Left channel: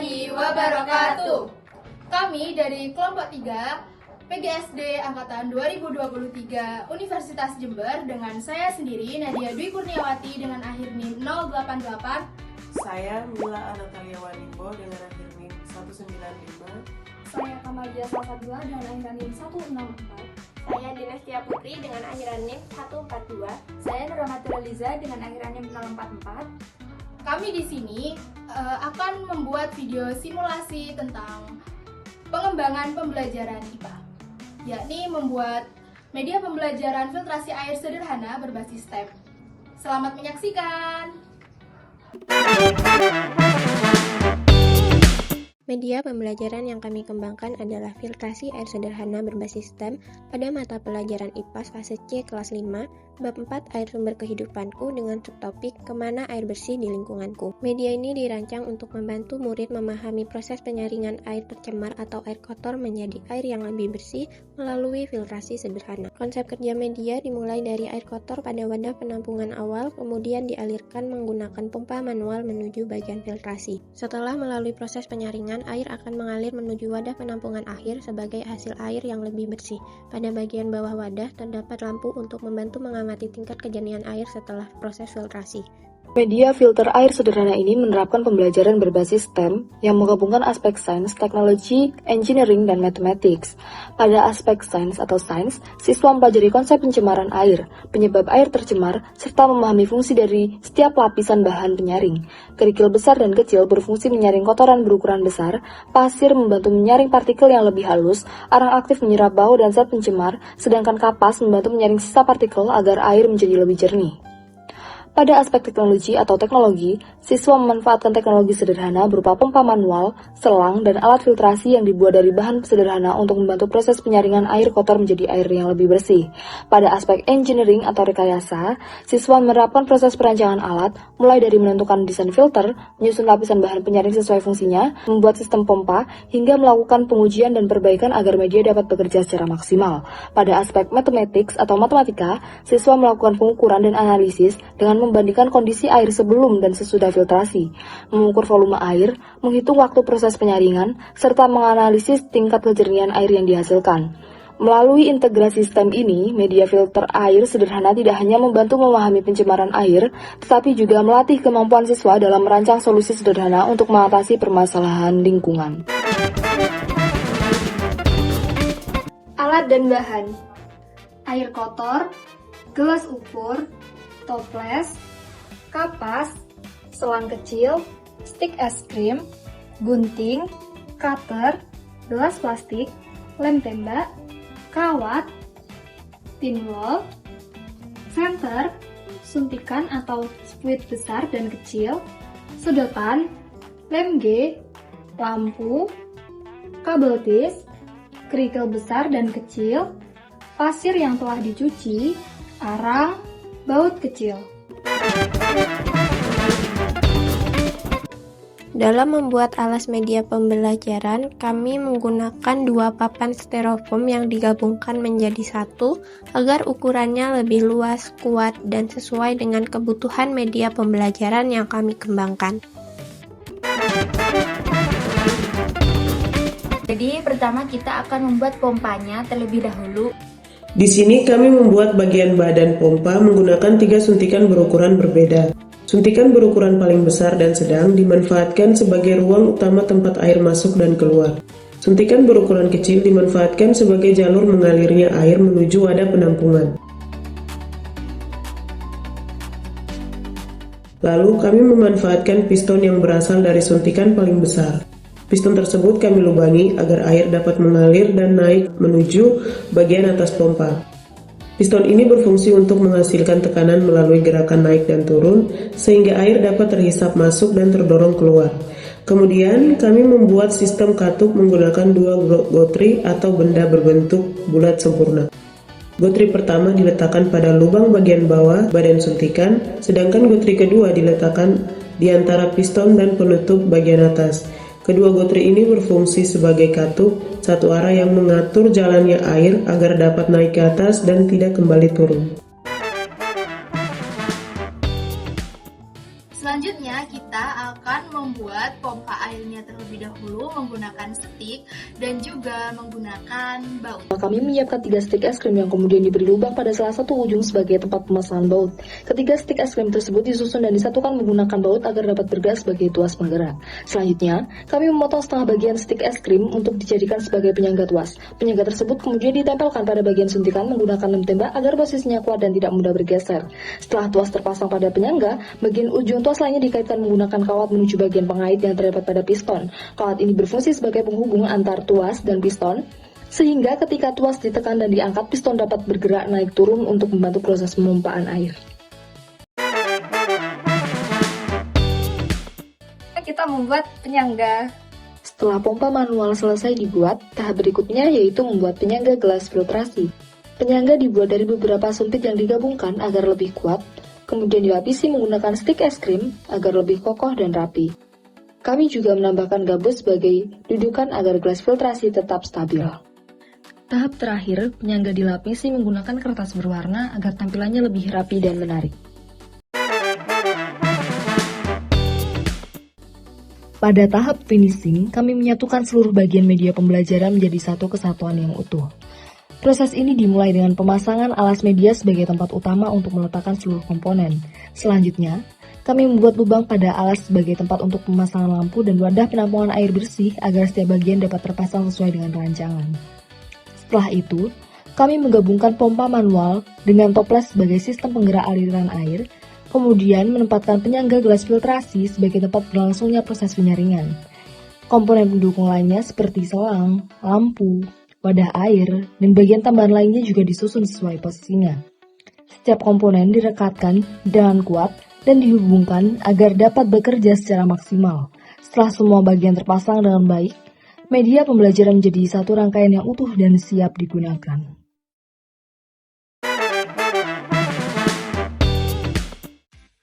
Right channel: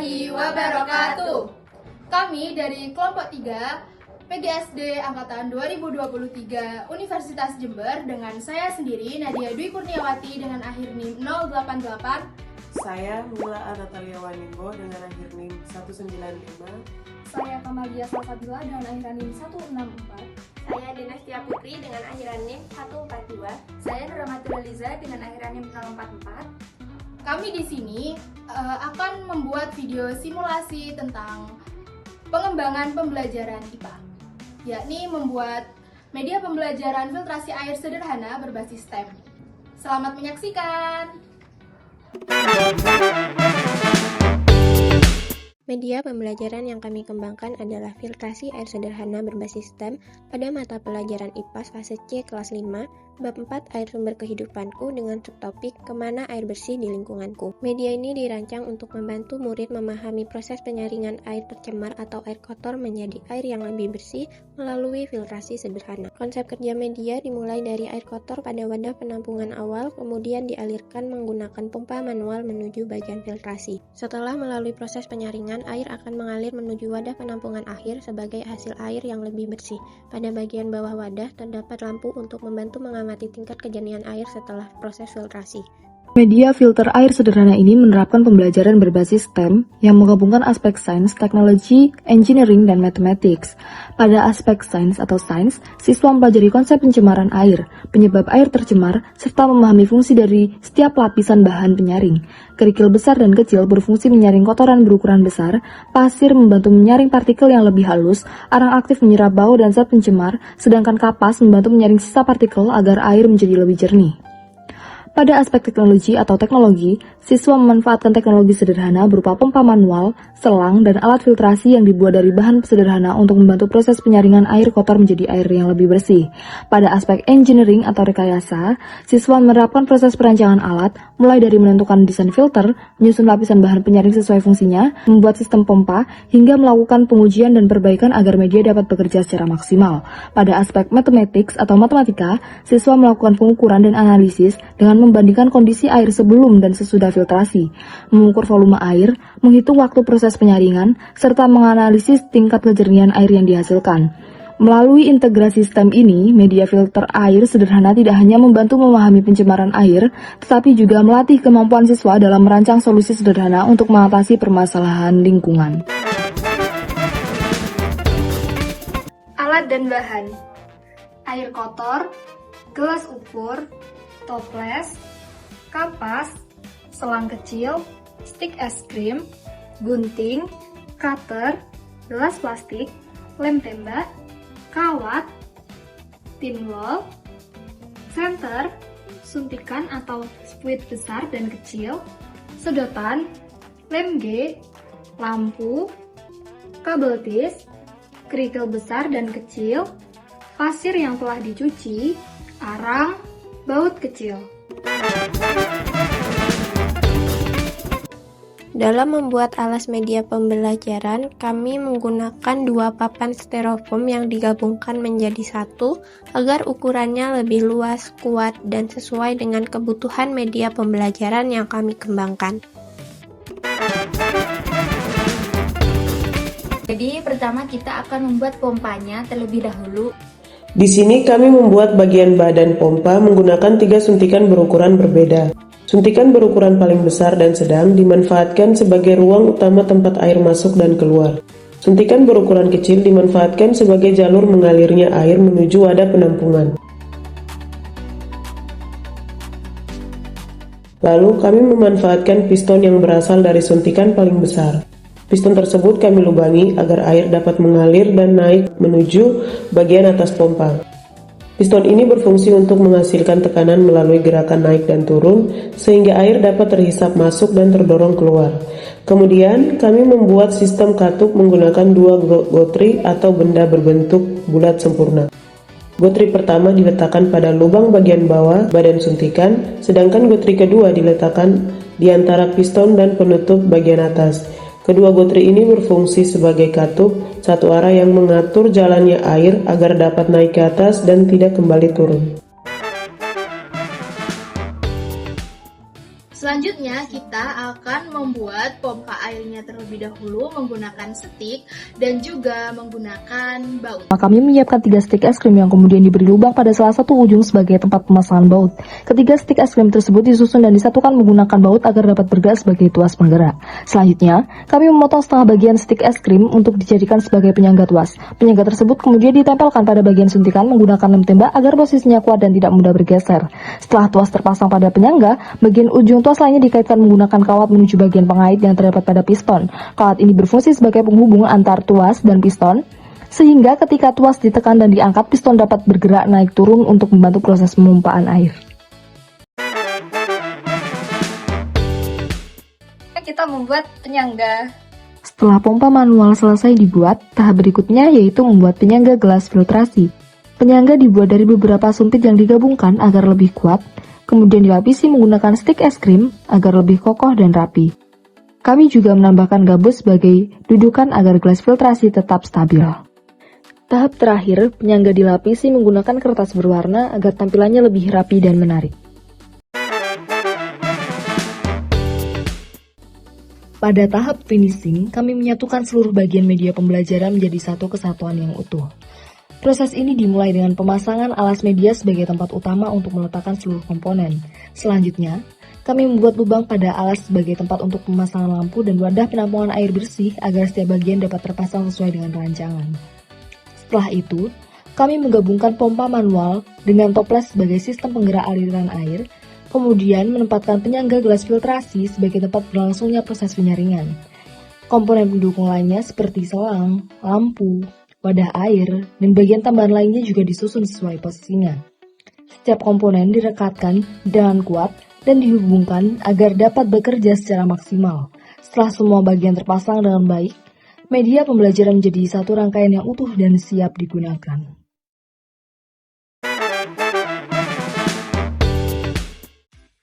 warahmatullahi wabarakatuh. Kami dari kelompok 3 PGSD Angkatan 2023 Universitas Jember dengan saya sendiri Nadia Dwi Kurniawati dengan akhir NIM 088. Saya Mila Anatalia Wanipo dengan akhir NIM 195. Saya Kamalia Salsabila dengan akhiran NIM 164. Saya Dinastia Putri dengan akhiran NIM 142. Saya Nurmati Liza dengan akhiran NIM 044. Kami di sini akan membuat video simulasi tentang pengembangan pembelajaran IPA, yakni membuat media pembelajaran filtrasi air sederhana berbasis STEM. Selamat menyaksikan! Media pembelajaran yang kami kembangkan adalah filtrasi air sederhana berbasis STEM pada mata pelajaran IPA fase C kelas 5, bab 4 air sumber kehidupanku dengan subtopik kemana air bersih di lingkunganku. Media ini dirancang untuk membantu murid memahami proses penyaringan air tercemar atau air kotor menjadi air yang lebih bersih melalui filtrasi sederhana. Konsep kerja media dimulai dari air kotor pada wadah penampungan awal, kemudian dialirkan menggunakan pompa manual menuju bagian filtrasi. Setelah melalui proses penyaringan, air akan mengalir menuju wadah penampungan akhir sebagai hasil air yang lebih bersih. Pada bagian bawah wadah terdapat lampu untuk membantu mengamati tingkat kejernihan air setelah proses filtrasi. Media filter air sederhana ini menerapkan pembelajaran berbasis STEM yang menggabungkan aspek sains, teknologi, engineering, dan mathematics. Pada aspek sains atau sains, siswa mempelajari konsep pencemaran air, penyebab air tercemar, serta memahami fungsi dari setiap lapisan bahan penyaring. Kerikil besar dan kecil berfungsi menyaring kotoran berukuran besar, pasir membantu menyaring partikel yang lebih halus, arang aktif menyerap bau dan zat pencemar, sedangkan kapas membantu menyaring sisa partikel agar air menjadi lebih jernih. Pada aspek teknologi, siswa memanfaatkan teknologi sederhana berupa pompa manual, selang, dan alat filtrasi yang dibuat dari bahan sederhana untuk membantu proses penyaringan air kotor menjadi air yang lebih bersih. Pada aspek engineering atau rekayasa, siswa menerapkan proses perancangan alat, mulai dari menentukan desain filter, menyusun lapisan bahan penyaring sesuai fungsinya, membuat sistem pompa, hingga melakukan pengujian dan perbaikan agar media dapat bekerja secara maksimal. Pada aspek mathematics atau matematika, siswa melakukan pengukuran dan analisis dengan membandingkan kondisi air sebelum dan sesudah filtrasi, mengukur volume air, menghitung waktu proses penyaringan, serta menganalisis tingkat kejernihan air yang dihasilkan. Melalui integrasi STEM ini, media filter air sederhana tidak hanya membantu memahami pencemaran air, tetapi juga melatih kemampuan siswa dalam merancang solusi sederhana untuk mengatasi permasalahan lingkungan. Alat dan bahan: air kotor, gelas ukur, toples, kapas, selang kecil, stik es krim, gunting, cutter, gelas plastik, lem tembak, kawat, pinwall, senter, suntikan atau spuit besar dan kecil, sedotan, lem G, lampu, kabel tis, kerikil besar dan kecil, pasir yang telah dicuci, arang, baut kecil. Dalam membuat alas media pembelajaran, kami menggunakan 2 papan styrofoam yang digabungkan menjadi satu agar ukurannya lebih luas, kuat, dan sesuai dengan kebutuhan media pembelajaran yang kami kembangkan. Jadi pertama kita akan membuat pompanya terlebih dahulu. Di sini kami membuat bagian badan pompa menggunakan 3 suntikan berukuran berbeda. Suntikan berukuran paling besar dan sedang dimanfaatkan sebagai ruang utama tempat air masuk dan keluar. Suntikan berukuran kecil dimanfaatkan sebagai jalur mengalirnya air menuju wadah penampungan. Lalu kami memanfaatkan piston yang berasal dari suntikan paling besar. Piston tersebut kami lubangi agar air dapat mengalir dan naik menuju bagian atas pompa. Piston ini berfungsi untuk menghasilkan tekanan melalui gerakan naik dan turun, sehingga air dapat terhisap masuk dan terdorong keluar. Kemudian, kami membuat sistem katup menggunakan 2 gotri atau benda berbentuk bulat sempurna. Gotri pertama diletakkan pada lubang bagian bawah badan suntikan, sedangkan gotri kedua diletakkan di antara piston dan penutup bagian atas. Kedua gotri ini berfungsi sebagai katup satu arah yang mengatur jalannya air agar dapat naik ke atas dan tidak kembali turun. Selanjutnya, Selanjutnya kita akan membuat pompa airnya terlebih dahulu menggunakan stik dan juga menggunakan baut. Kami menyiapkan 3 stik es krim yang kemudian diberi lubang pada salah satu ujung sebagai tempat pemasangan baut. Ketiga stik es krim tersebut disusun dan disatukan menggunakan baut agar dapat bergerak sebagai tuas penggerak. Selanjutnya, kami memotong setengah bagian stik es krim untuk dijadikan sebagai penyangga tuas. Penyangga tersebut kemudian ditempelkan pada bagian suntikan menggunakan lem tembak agar posisinya kuat dan tidak mudah bergeser. Setelah tuas terpasang pada penyangga, bagian ujung tuas lainnya dikaitkan menggunakan kawat menuju bagian pengait yang terdapat pada piston. Kawat ini berfungsi sebagai penghubung antar tuas dan piston, sehingga ketika tuas ditekan dan diangkat, piston dapat bergerak naik turun untuk membantu proses pemompaan air. Kita membuat penyangga. Setelah pompa manual selesai dibuat, tahap berikutnya yaitu membuat penyangga gelas filtrasi. Penyangga dibuat dari beberapa sumpit yang digabungkan agar lebih kuat, kemudian dilapisi menggunakan stik es krim agar lebih kokoh dan rapi. Kami juga menambahkan gabus sebagai dudukan agar gelas filtrasi tetap stabil. Tahap terakhir, penyangga dilapisi menggunakan kertas berwarna agar tampilannya lebih rapi dan menarik. Pada tahap finishing, kami menyatukan seluruh bagian media pembelajaran menjadi satu kesatuan yang utuh. Proses ini dimulai dengan pemasangan alas media sebagai tempat utama untuk meletakkan seluruh komponen. Selanjutnya, kami membuat lubang pada alas sebagai tempat untuk pemasangan lampu dan wadah penampungan air bersih agar setiap bagian dapat terpasang sesuai dengan rancangan. Setelah itu, kami menggabungkan pompa manual dengan toples sebagai sistem penggerak aliran air, kemudian menempatkan penyangga gelas filtrasi sebagai tempat berlangsungnya proses penyaringan. Komponen pendukung lainnya seperti selang, lampu, wadah air, dan bagian tambahan lainnya juga disusun sesuai posisinya. Setiap komponen direkatkan dengan kuat dan dihubungkan agar dapat bekerja secara maksimal. Setelah semua bagian terpasang dengan baik, media pembelajaran menjadi satu rangkaian yang utuh dan siap digunakan.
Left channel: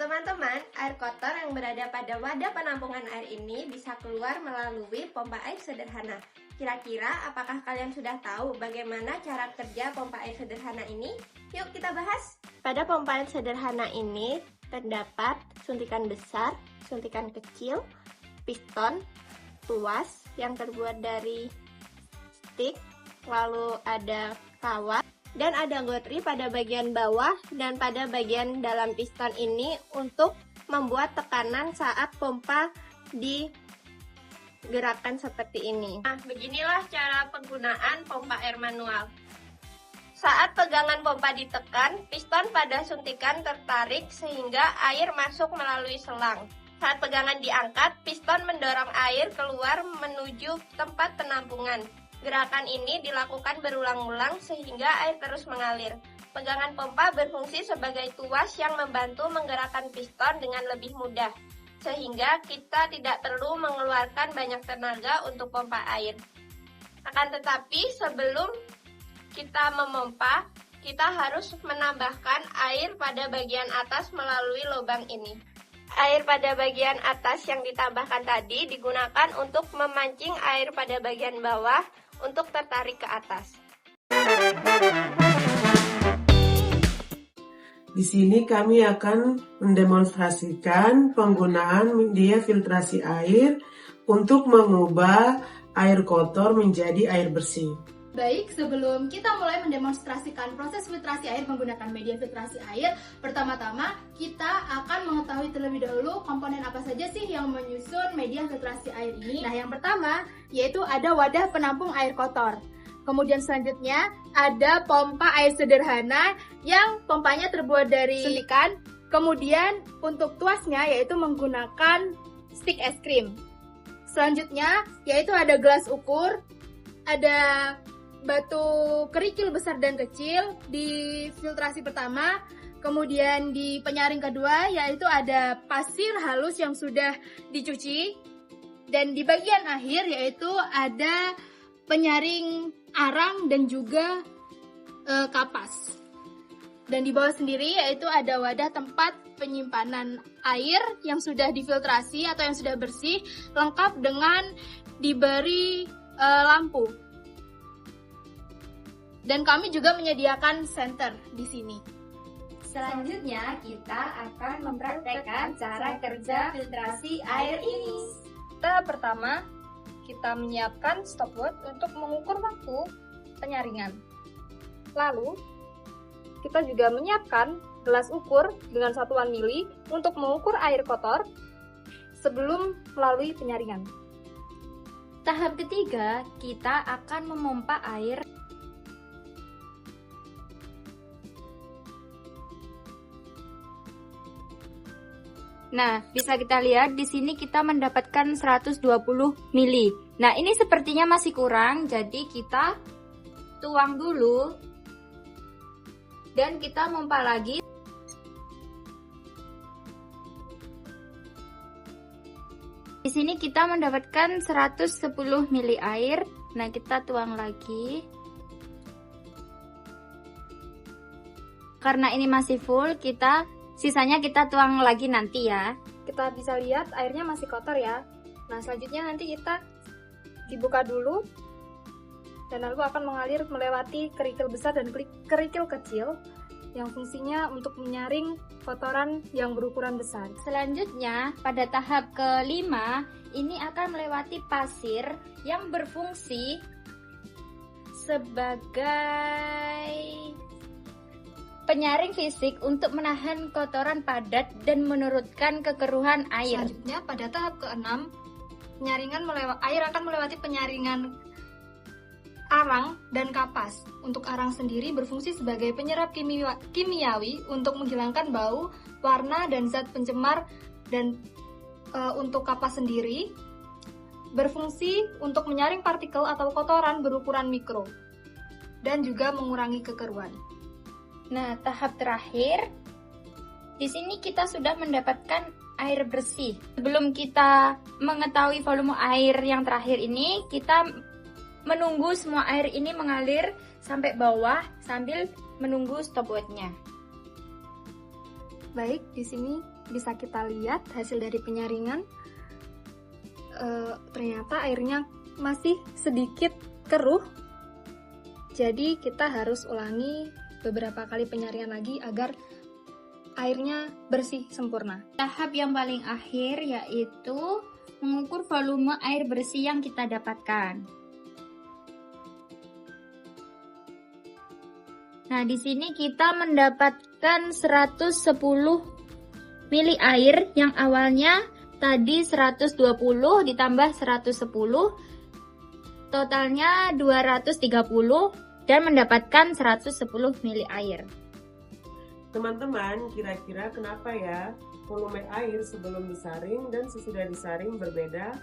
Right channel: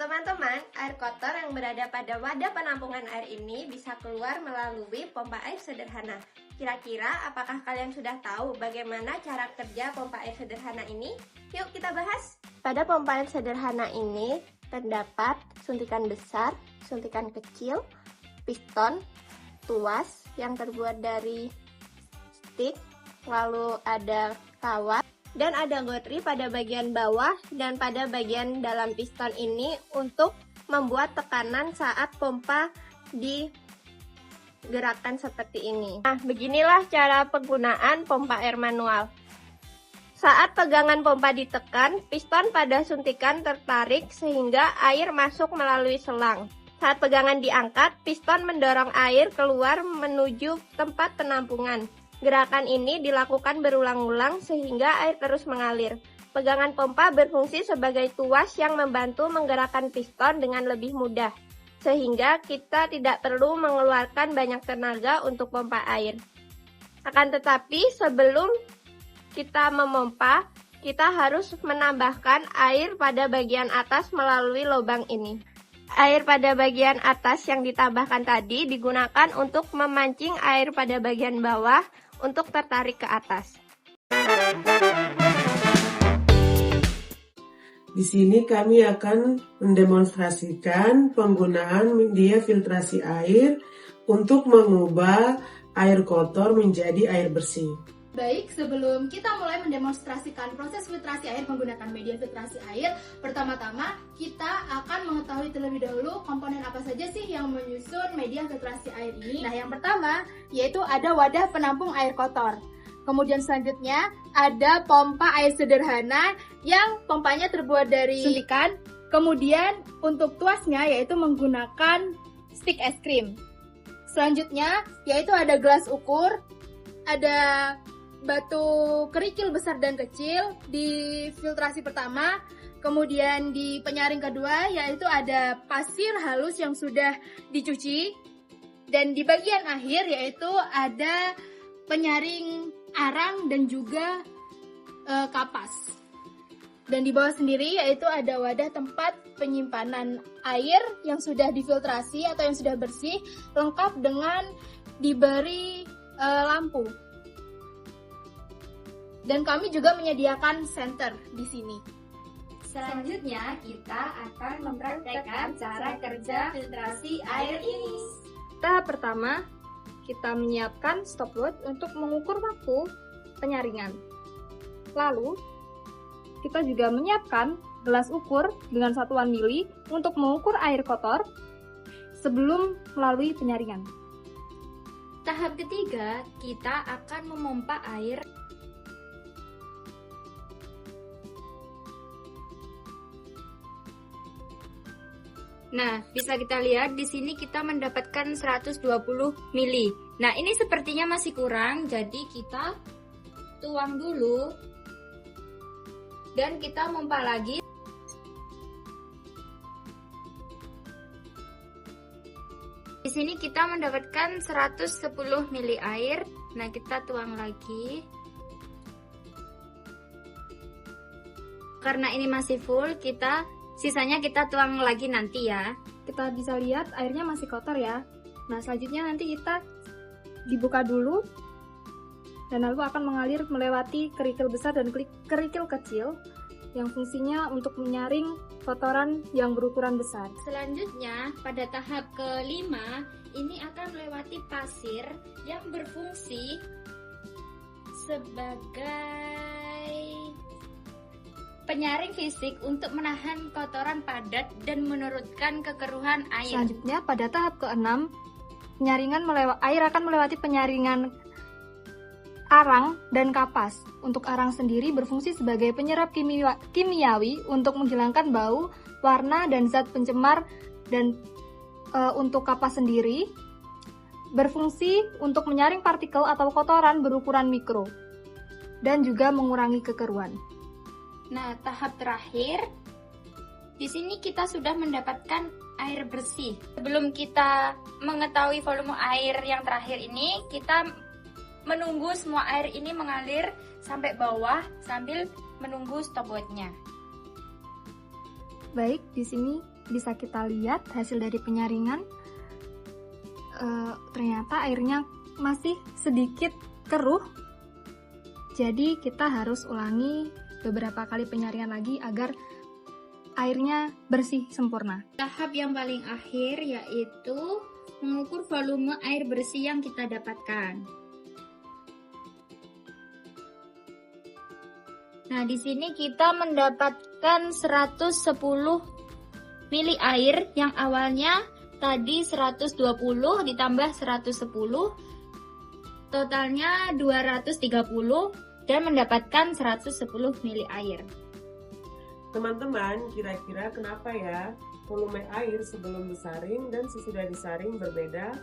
Teman-teman, air kotor yang berada pada wadah penampungan air ini bisa keluar melalui pompa air sederhana. Kira-kira apakah kalian sudah tahu bagaimana cara kerja pompa air sederhana ini? Yuk kita bahas! Pada pompa air sederhana ini terdapat suntikan besar, suntikan kecil, piston, tuas yang terbuat dari stik, lalu ada kawat, dan ada gotri pada bagian bawah dan pada bagian dalam piston ini untuk membuat tekanan saat pompa digerakkan seperti ini. Nah, beginilah cara penggunaan pompa air manual. Saat pegangan pompa ditekan, piston pada suntikan tertarik sehingga air masuk melalui selang. Saat pegangan diangkat, piston mendorong air keluar menuju tempat penampungan. Gerakan ini dilakukan berulang-ulang sehingga air terus mengalir. Pegangan pompa berfungsi sebagai tuas yang membantu menggerakkan piston dengan lebih mudah, sehingga kita tidak perlu mengeluarkan banyak tenaga untuk pompa air. Akan tetapi, sebelum kita memompa, kita harus menambahkan air pada bagian atas melalui lubang ini. Air pada bagian atas yang ditambahkan tadi digunakan untuk memancing air pada bagian bawah untuk tertarik ke atas. Di sini kami akan mendemonstrasikan penggunaan media filtrasi air untuk mengubah air kotor menjadi air bersih. Baik, sebelum kita mulai mendemonstrasikan proses filtrasi air menggunakan media filtrasi air, pertama-tama kita akan mengetahui terlebih dahulu komponen apa saja sih yang menyusun media filtrasi air ini. Nah, yang pertama yaitu ada wadah penampung air kotor. Kemudian selanjutnya ada pompa air sederhana yang pompanya terbuat dari suntikan. Kemudian untuk tuasnya yaitu menggunakan stik es krim. Selanjutnya yaitu ada gelas ukur, ada batu kerikil besar dan kecil di filtrasi pertama, kemudian di penyaring kedua yaitu ada pasir halus yang sudah dicuci, dan di bagian akhir yaitu ada penyaring arang dan juga kapas. Dan di bawah sendiri yaitu ada wadah tempat penyimpanan air yang sudah difiltrasi atau yang sudah bersih, lengkap dengan diberi lampu. Dan kami juga menyediakan senter di sini. Selanjutnya, kita akan mempraktekkan cara kerja filtrasi air ini. Tahap pertama, kita menyiapkan stopwatch untuk mengukur waktu penyaringan. Lalu, kita juga menyiapkan gelas ukur dengan satuan mili untuk mengukur air kotor sebelum melalui penyaringan. Tahap ketiga, kita akan memompa air. Nah, bisa kita lihat di sini kita mendapatkan 120 mili. Nah, ini sepertinya masih kurang, jadi kita tuang dulu dan kita pompa lagi. Di sini kita mendapatkan 110 mili air. Nah, kita tuang lagi. Karena ini masih full, sisanya kita tuang lagi nanti ya. Kita bisa lihat airnya masih kotor ya. Nah, selanjutnya nanti kita dibuka dulu dan lalu akan mengalir melewati kerikil besar dan kerikil kecil yang fungsinya untuk menyaring kotoran yang berukuran besar. Selanjutnya, pada tahap kelima, ini akan melewati pasir yang berfungsi sebagai penyaring fisik untuk menahan kotoran padat dan menurunkan kekeruhan air. Selanjutnya, pada tahap ke-6, air akan melewati penyaringan arang dan kapas. Untuk arang sendiri berfungsi sebagai penyerap kimiawi untuk menghilangkan bau, warna, dan zat pencemar, dan untuk kapas sendiri berfungsi untuk menyaring partikel atau kotoran berukuran mikro dan juga mengurangi kekeruhan. Nah, tahap terakhir, di sini kita sudah mendapatkan air bersih. Sebelum kita mengetahui volume air yang terakhir ini, kita menunggu semua air ini mengalir sampai bawah sambil menunggu stopwatch-nya. Baik, di sini bisa kita lihat hasil dari penyaringan. Ternyata airnya masih sedikit keruh. Jadi kita harus ulangi beberapa kali penyaringan lagi agar airnya bersih sempurna. Tahap yang paling akhir yaitu mengukur volume air bersih yang kita dapatkan. Nah, di sini kita mendapatkan 110 mili air yang awalnya tadi 120 ditambah 110, totalnya 230 dan mendapatkan 110 mili air. Teman-teman, kira-kira kenapa ya volume air sebelum disaring dan sesudah disaring berbeda?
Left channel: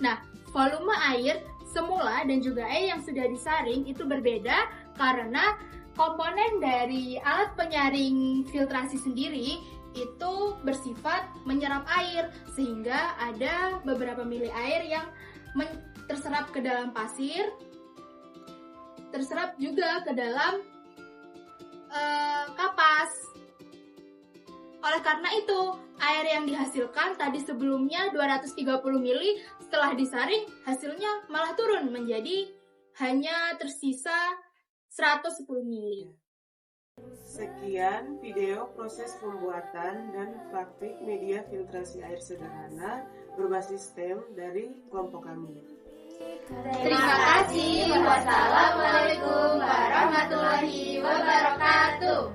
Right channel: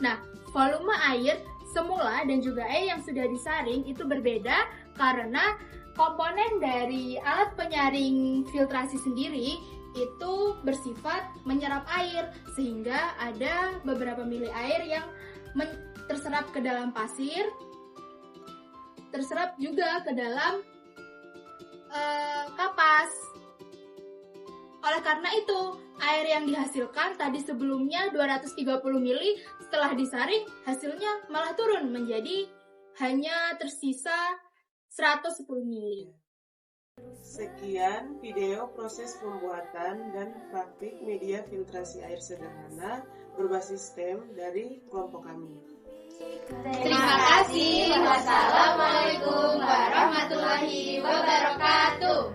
Nah, volume air semula dan juga air yang sudah disaring itu berbeda karena komponen dari alat penyaring filtrasi sendiri itu bersifat menyerap air, sehingga ada beberapa mili air yang terserap ke dalam pasir, terserap juga ke dalam kapas. Oleh karena itu, air yang dihasilkan tadi sebelumnya 230 mili, setelah disaring hasilnya malah turun menjadi hanya tersisa 110 mili. Sekian video proses pembuatan dan praktik media filtrasi air sederhana berbasis STEM dari kelompok kami. Terima kasih. Wassalamualaikum warahmatullahi wabarakatuh.